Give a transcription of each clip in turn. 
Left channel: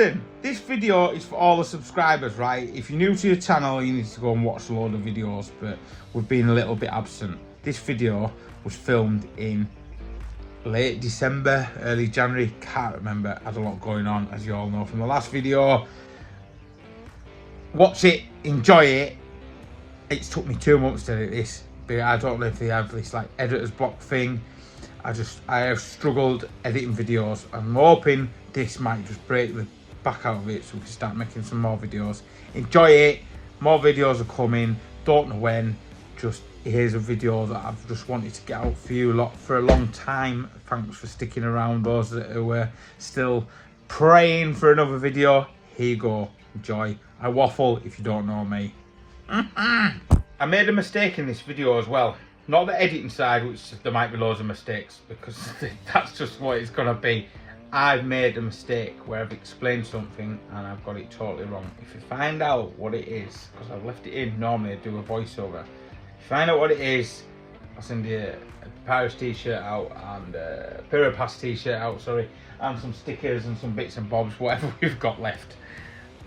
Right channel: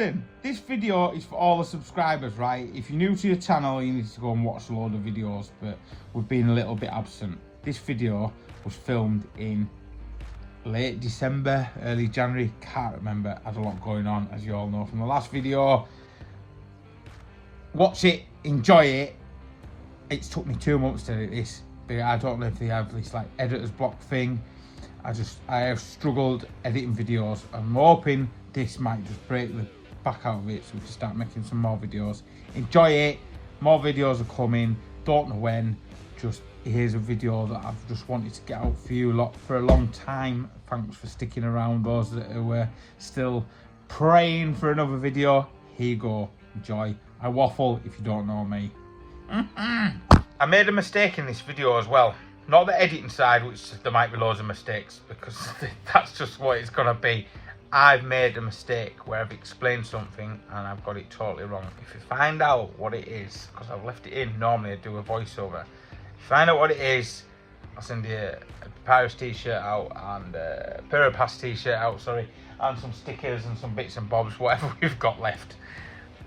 listen, this video is for all the subscribers, right? If you're new to your channel, you need to go and watch a load of videos, but we've been a little bit absent. This video was filmed in late December, early January, can't remember. Had a lot going on, as you all know from the last video. Watch it, enjoy it. It's took me 2 months to edit this, but I don't know if they have this like editor's block thing. I have struggled editing videos. I'm hoping this might just break the back out of it so we can start making some more videos. Enjoy it, more videos are coming, don't know when. Just here's a video that I've just wanted to get out for you lot for a long time. Thanks for sticking around, those that were still praying for another video. Here you go, enjoy. I waffle if you don't know me. I made a mistake in this video as well. Not the editing side, which there might be loads of mistakes, because that's just what it's gonna be. I've made a mistake where I've explained something and I've got it totally wrong. If you find out what it is, because I've left it in, normally I do a voiceover. If you find out what it is, I'll send you a Paris t-shirt out and a Pyropass t-shirt out, sorry, and some stickers and some bits and bobs, whatever we've got left.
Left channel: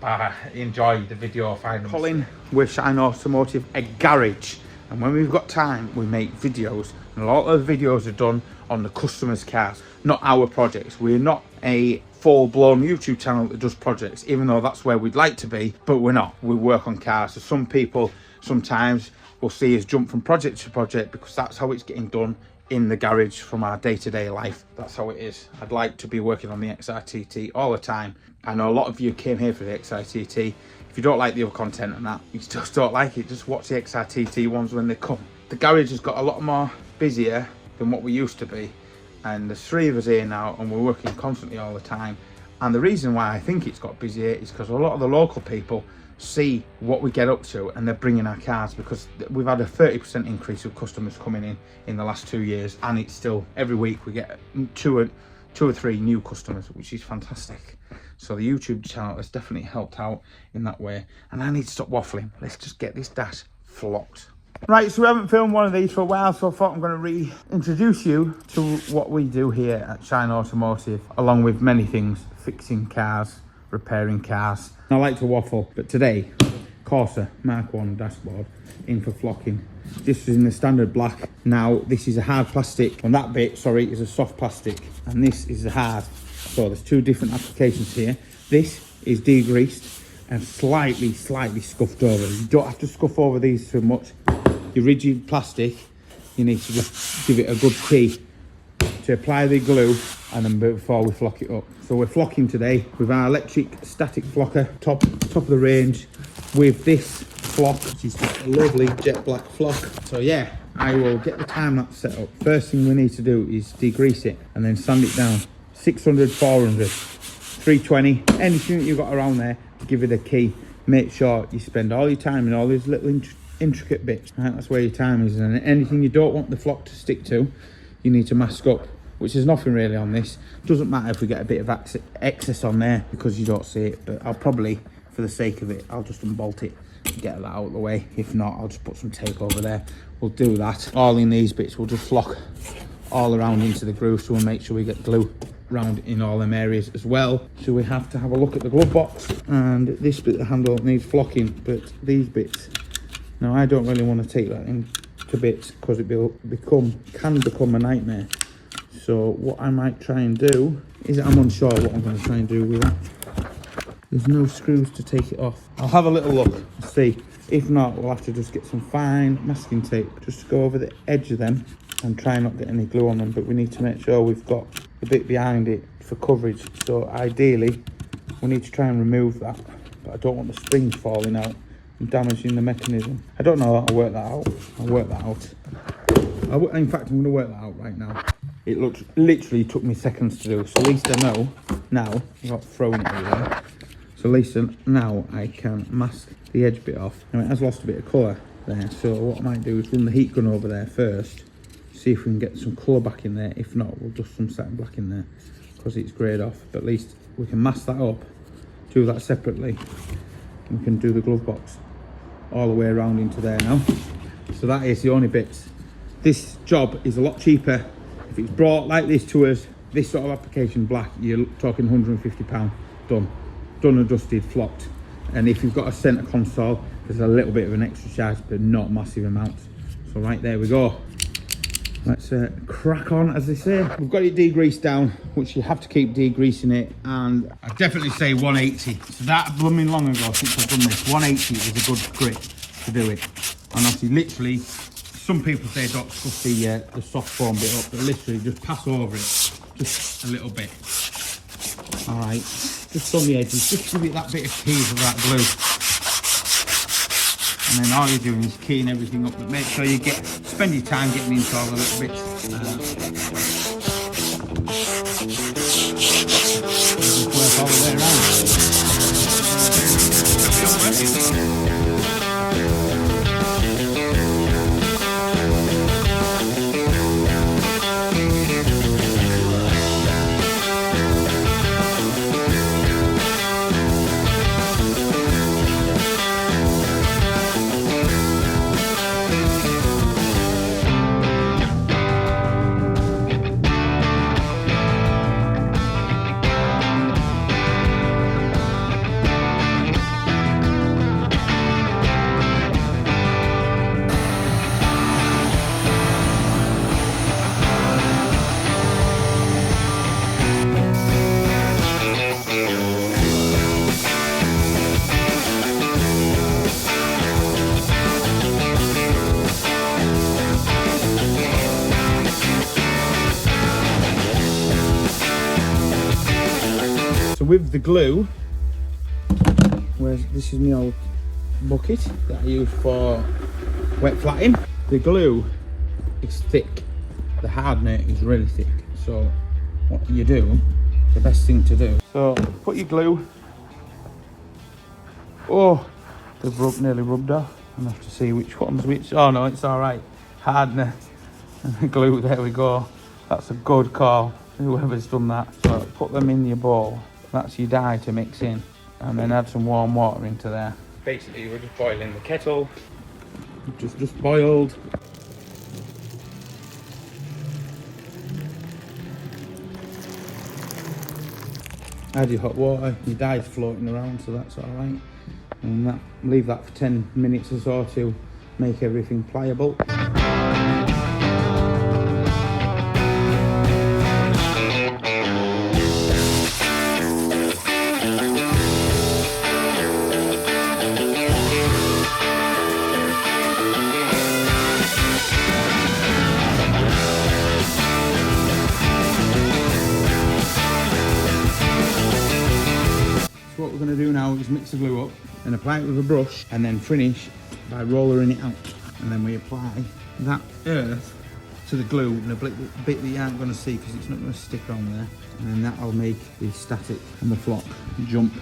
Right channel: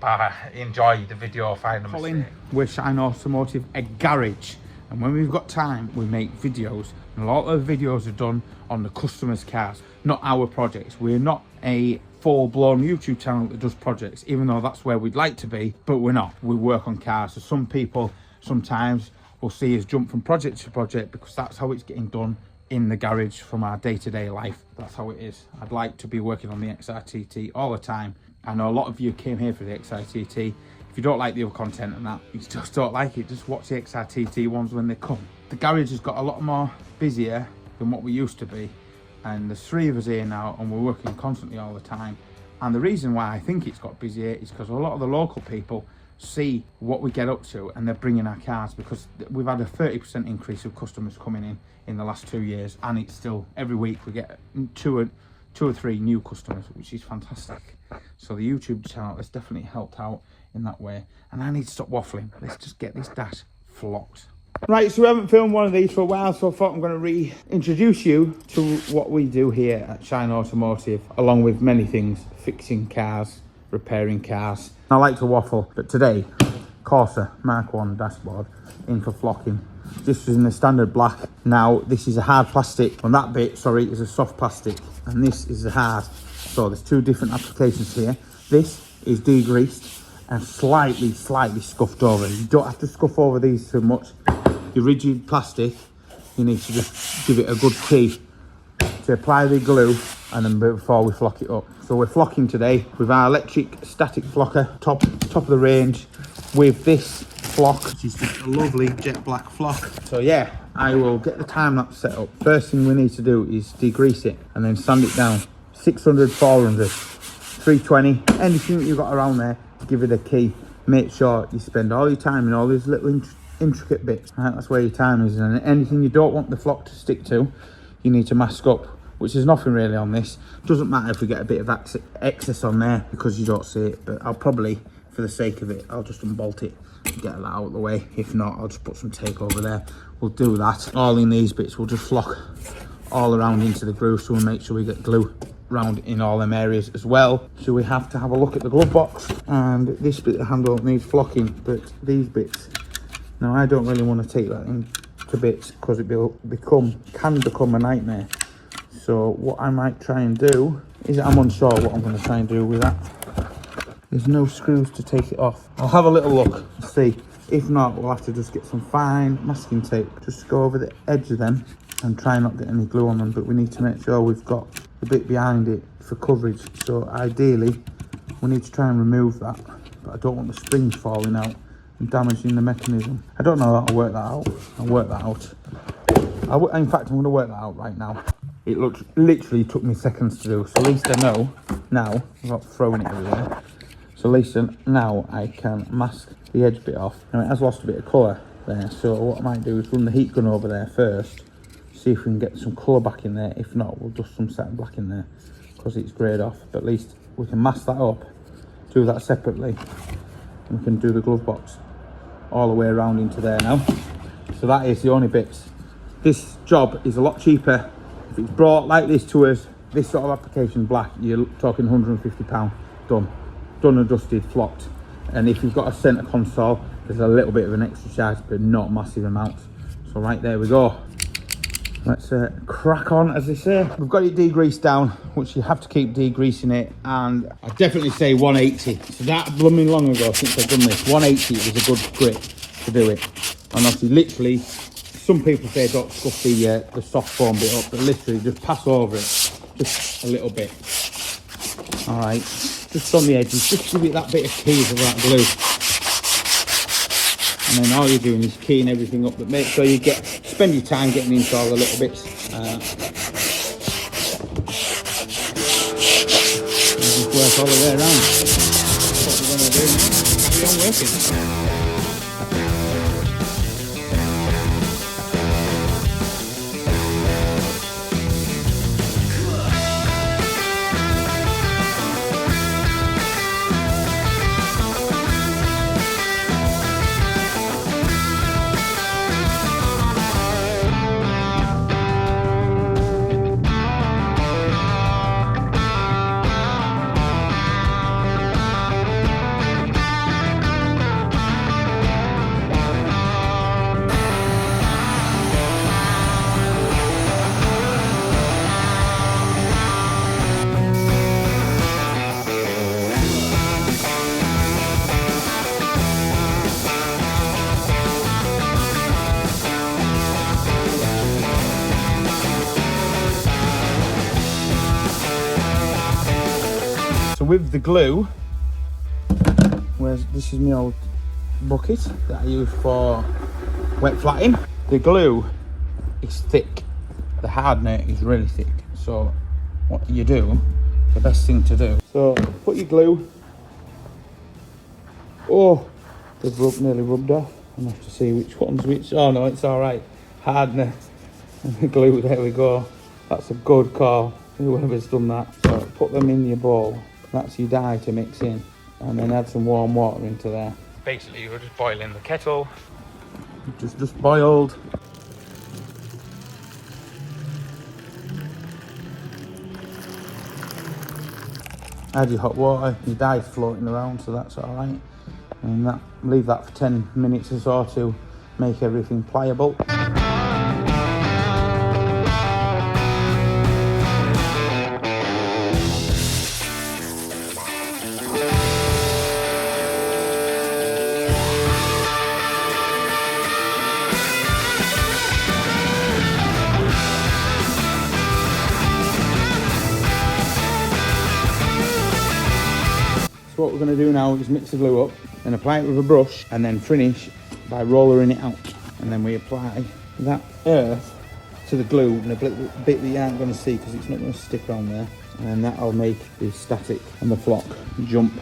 But enjoy the video, find them. Colin with Shineautomotive, a garage. And when we've got time, we make videos. And a lot of the videos are done on the customer's cars, not our projects. We're not a full-blown YouTube channel that does projects, even though that's where we'd like to be, but we're not. We work on cars. So some people sometimes will see us jump from project to project because that's how it's getting done in the garage from our day-to-day life. That's how it is. I'd like to be working on the XRTT all the time. I know a lot of you came here for the XRTT. If you don't like the other content and that, you just don't like it, just watch the XRTT ones when they come. The garage has got a lot more busier than what we used to be, and there's 3 of us here now and we're working constantly all the time. And the reason why I think it's got busier is because a lot of the local people see what we get up to and they're bringing our cars, because we've had a 30% increase of customers coming in the last 2 years, and it's still every week we get two or three new customers, which is fantastic. So the YouTube channel has definitely helped out in that way. And I need to stop waffling. Let's just get this dash flocked. Right, so we haven't filmed one of these for a while, so I thought I'm going to reintroduce you to what we do here at Shineautomotive, along with many things, fixing cars, repairing cars. I like to waffle, but today, Corsa Mark 1 dashboard in for flocking. This is in the standard black. Now, this is a hard plastic. On that bit, sorry, is a soft plastic, and this is the hard. So there's 2 different applications here. This is degreased and slightly scuffed over. You don't have to scuff over these too much. Your rigid plastic, you need to just give it a good key to apply the glue, and then before we flock it up. So we're flocking today with our electric static flocker, top of the range, with this flock, which is just a lovely jet black flock. So yeah, I will get the time lapse set up. First thing we need to do is degrease it and then sand it down. 600, 400, 320, anything that you've got around there, give it a key. Make sure you spend all your time in all these little intricate bits. Right, that's where your time is. And anything you don't want the flock to stick to, you need to mask up, which is nothing really on this. Doesn't matter if we get a bit of excess on there because you don't see it, but I'll probably, for the sake of it, I'll just unbolt it and get that out of the way. If not, I'll just put some tape over there. We'll do that. All in these bits, we'll just flock all around into the groove, so we'll make sure we get glue round in all them areas as well. So we have to have a look at the glove box, and this bit of the handle needs flocking, but these bits, now I don't really want to take that into bits because it can become a nightmare. So what I might try and do is, I'm unsure what I'm going to try and do with that. There's no screws to take it off. I'll have a little look and see. If not, we'll have to just get some fine masking tape just to go over the edge of them and try not to get any glue on them. But we need to make sure we've got the bit behind it for coverage. So ideally, we need to try and remove that. But I don't want the springs falling out and damaging the mechanism. I don't know that I'll work that out. I'll work that out. In fact, I'm going to work that out right now. It literally took me seconds to do. So at least I know now, without throwing it in there. So at least now I can mask the edge bit off. Now it has lost a bit of colour there, so what I might do is run the heat gun over there first, see if we can get some colour back in there. If not, we'll dust some satin black in there because it's greyed off. But at least we can mask that up, do that separately, and we can do the glove box all the way around into there now. So that is the only bits. This job is a lot cheaper if it's brought like this to us, this sort of application black. You're talking £150 done. done and dusted, flocked. And if you've got a centre console, there's a little bit of an extra charge, but not massive amounts. So right, there we go. Let's crack on, as they say. We've got it degreased down, which you have to keep degreasing it, and I definitely say 180. So that blooming long ago since I've done this, 180 is a good grip to do it. And obviously, literally, some people say don't scuff the soft foam bit up, but literally just pass over it, just a little bit. All right, just on the edges, just give it that bit of keying of that glue. And then all you're doing is keying everything up, but make sure you spend your time getting into all the little bits. Just work all the way around. With the glue, this is my old bucket that I use for wet flatting. The glue is thick, the hardener is really thick. So what you do, the best thing to do, so put your glue. Oh, they've nearly rubbed off. I have to see which one's which. Oh no, it's all right. Hardener and the glue, there we go. That's a good call, whoever's done that. So put them in your bowl. That's your dye to mix in, and then add some warm water into there. Basically, we're just boiling the kettle. Just boiled. Add your hot water. Your dye's floating around, so that's all right. And leave that for 10 minutes or so to make everything pliable. So what we're going to do now is mix the glue up and apply it with a brush, and then finish by rollering it out. And then we apply that earth to the glue in a bit that you aren't going to see because it's not going to stick on there. And then that'll make the static and the flock jump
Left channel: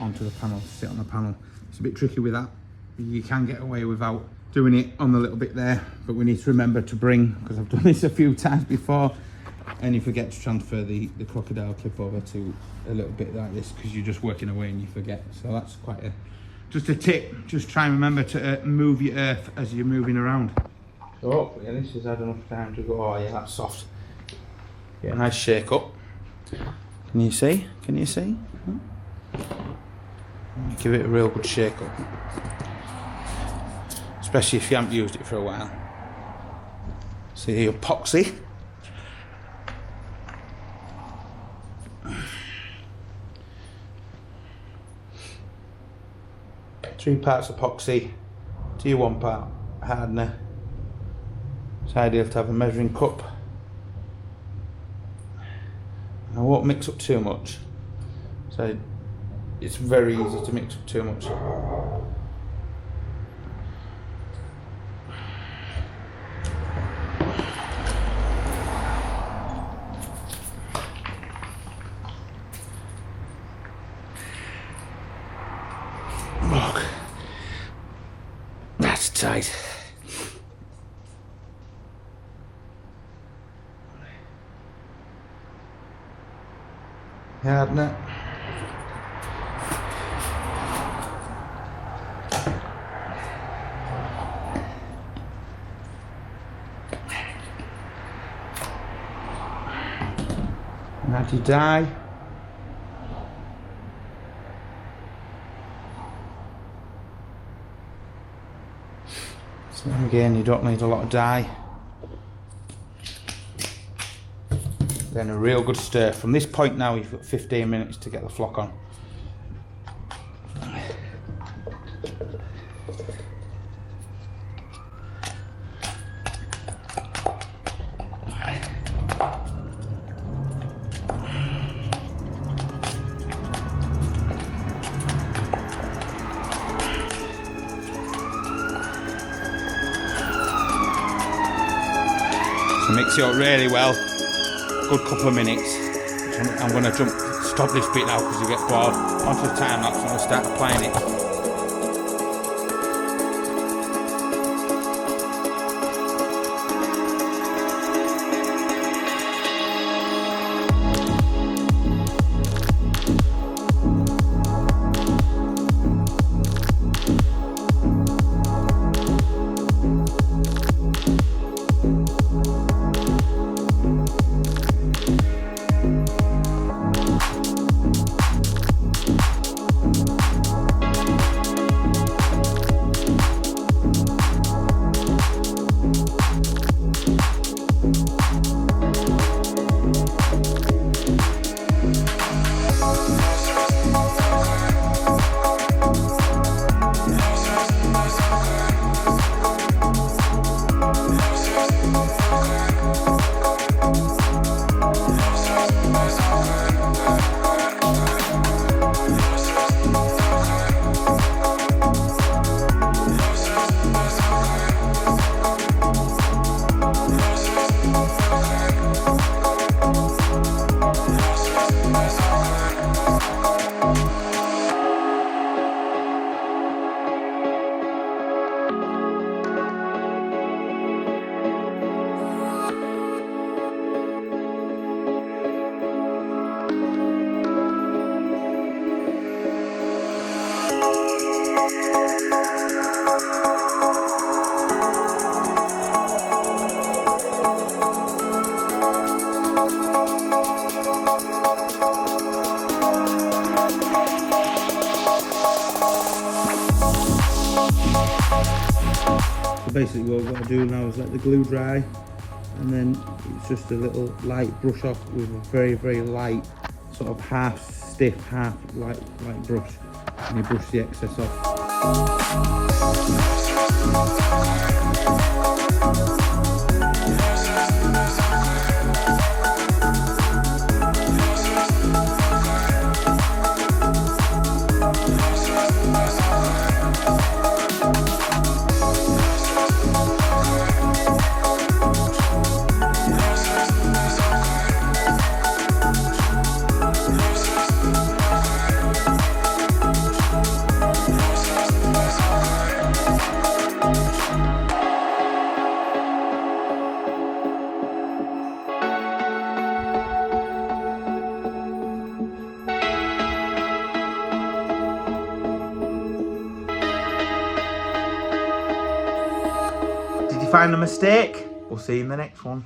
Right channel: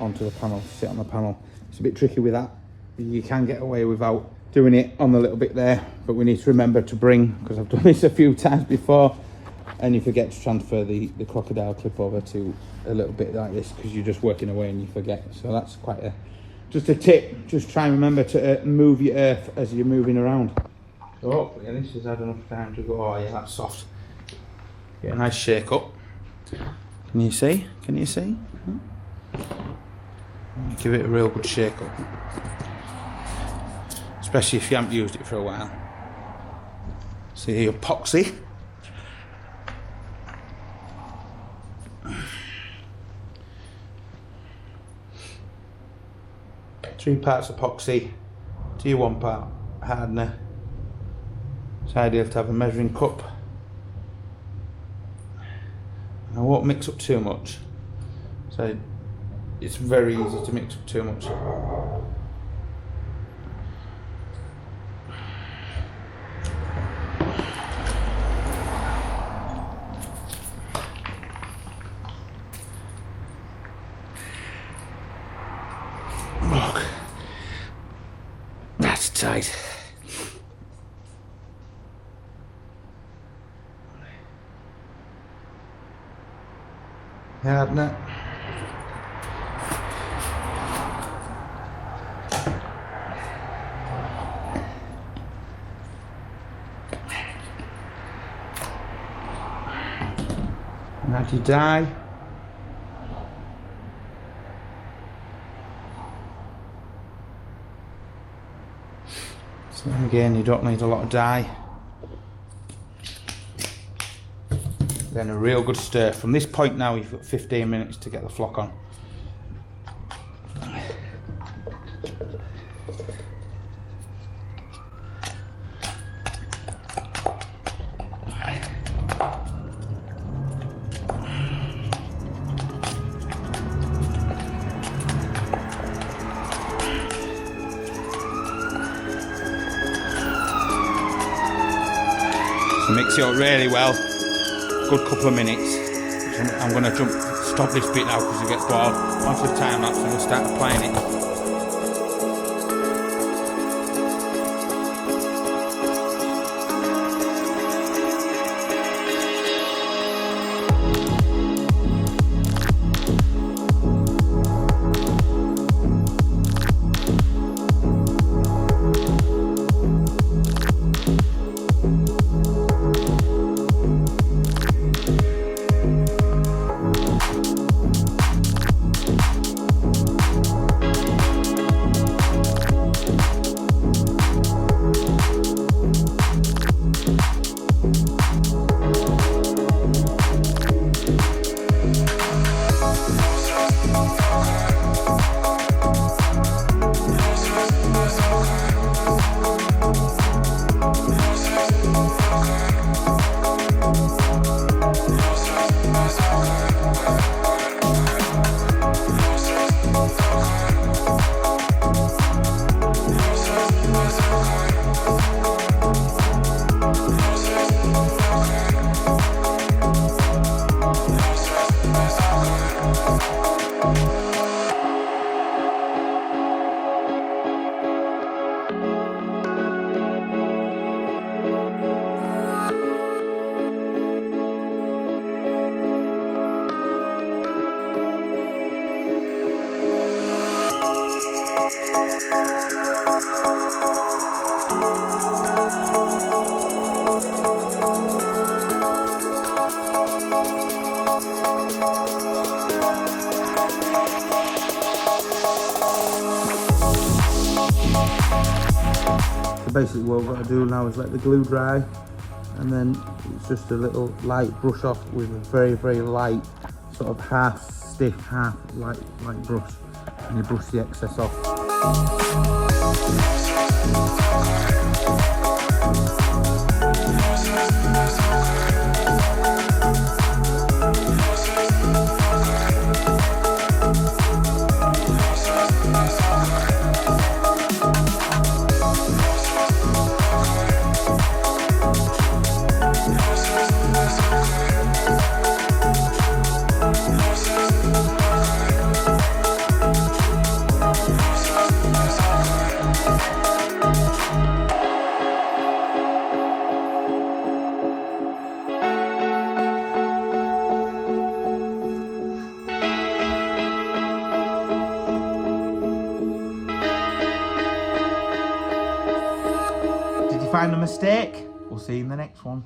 onto the panel, sit on the panel. It's a bit tricky with that. You can get away without doing it on the little bit there, but we need to remember to bring, because I've done this a few times before, and you forget to transfer the crocodile clip over to a little bit like this because you're just working away and you forget. So that's quite just a tip. Just try and remember to move your earth as you're moving around. So hopefully this has had enough time to go. Oh yeah, that's soft. Get a nice shake up. Can you see? Can you see? Give it a real good shake up. Especially if you haven't used it for a while. See the epoxy. 3 parts epoxy to your 1 part hardener. It's ideal to have a measuring cup. I won't mix up too much, so it's very easy to mix up too much. That's tight. Hardener. And add your dye. So again, you don't need a lot of dye. Then a real good stir. From this point now, you've got 15 minutes to get the flock on. So mix it up really well. Good couple of minutes. I'm going to stop this bit now because you get bored. Onto the time lapse and we'll start applying it. So basically what we've got to do now is let the glue dry, and then it's just a little light brush off with a very, very light sort of half stiff, half light brush, and you brush the excess off. Did you find a mistake? We'll see you in the next one.